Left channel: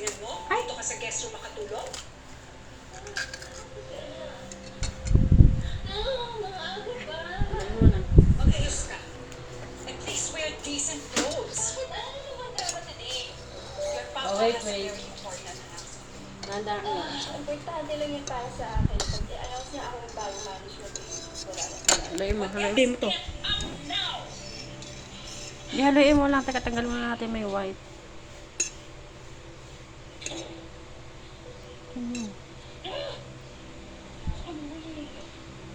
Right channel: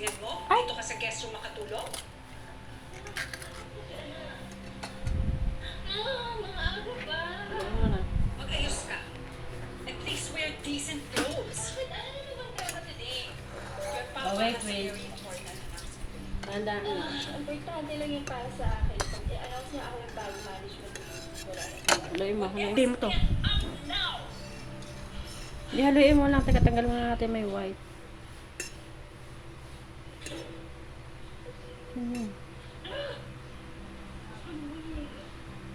tingin mo? Dito ka sa guest room makatulog? Maaga pa. Mag-ayos ka. At least wear decent clothes. Bakit ano naman tayo today? Your papa wait, has a wait. very important announcement. Tandaan na. Importante lang yan para sa akin. Pag i-announce niya ako yung bagong management team, wala na. Haluin mo to. Di haluin mo lang. Tanggal mo na natin may white.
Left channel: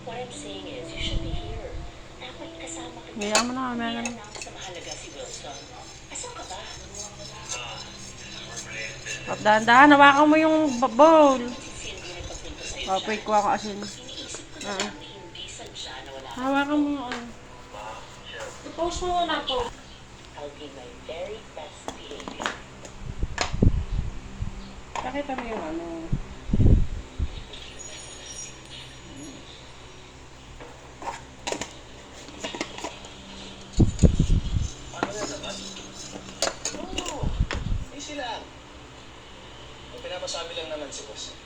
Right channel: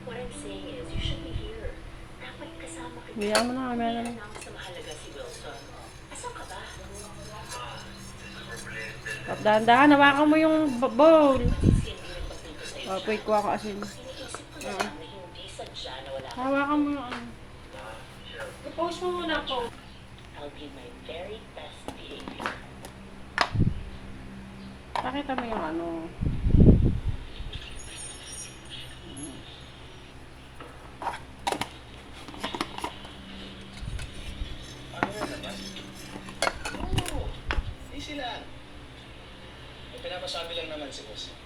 What I'm saying is, you should be here. Dapat kasama ka. Hayaan mo na. May ano. I-announce na mahalaga si Wilson. Asan ka ba? Dahan-dahan. Hawakan mo yung bowl. Si hindi nagpagpinto sa'yo. Oh, wait, kuha ko asin. Iniisip ko na lang na hindi sadya na wala ka. Hawakan mo yung ano. I-post mo na to. I'll be my very best behavior. Pakita mo yung ano. Ano nga naman? Oo, easy lang. Ang pinapasabi lang naman si boss.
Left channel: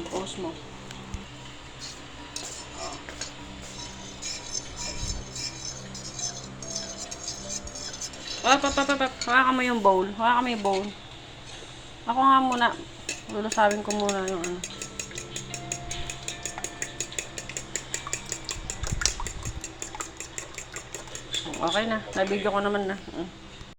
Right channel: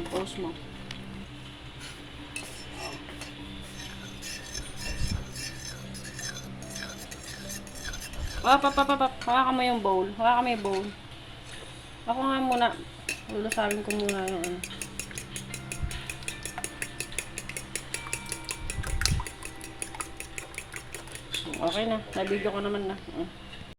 I-post mo. Hawakan mo yung bowl. Hawakan mo yung bowl. Ako nga muna. Lulusawin ko muna yung ano. Okay na. Na-video ko naman na.